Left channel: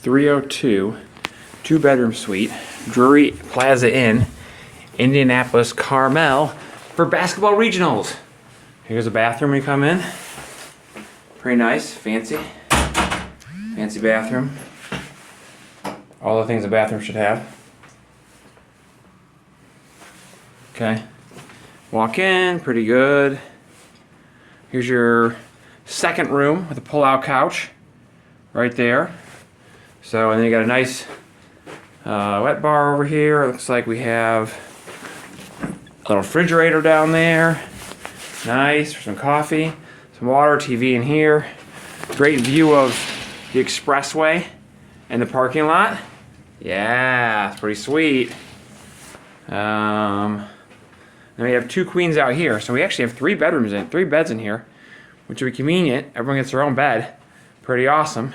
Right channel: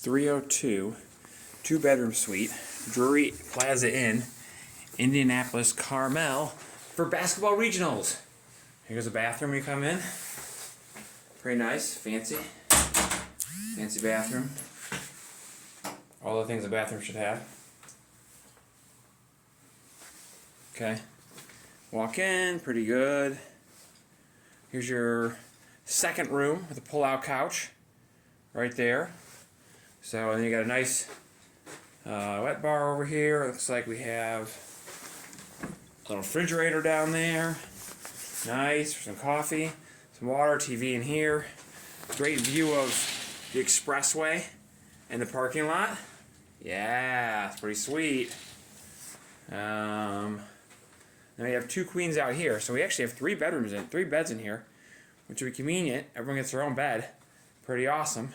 302, two-bedroom suite, Drury Plaza Inn, Indianapolis Carmel for basketball regionals. Here's a bathroom when you come in. Pretty nice, fancy bathroom. All the things a bathroom should have. Okay, walk in, pretty good. Here's your second room with a pull-out couch right there. So, and then you got a nice wet bar over here. It looks like we have a little refrigerator down there. Nice for some coffee, some water, TV in here. Great view of the expressway and the parking lot. Yeah, it's pretty sweet. Then we have two queens out here, so we actually have three beds in here, which would be convenient. Everyone gets their own bed. Pretty awesome.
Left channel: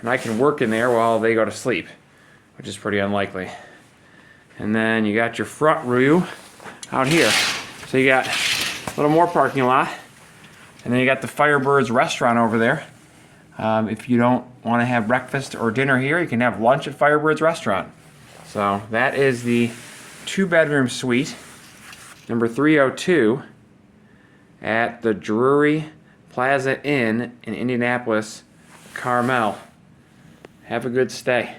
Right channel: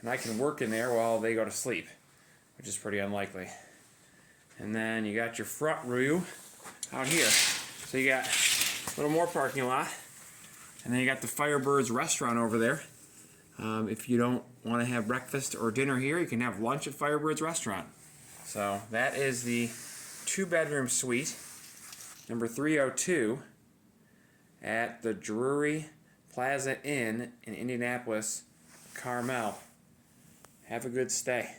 And I can work in there while they go to sleep, which is pretty unlikely. And then you got your front view out here. So you got a little more parking lot. And then you got the Firebirds restaurant over there. If you don't want to have breakfast or dinner here, you can have lunch at Firebirds restaurant. So that is the two-bedroom suite, number 302, at the Drury Plaza Inn in Indianapolis Carmel. Have a good stay.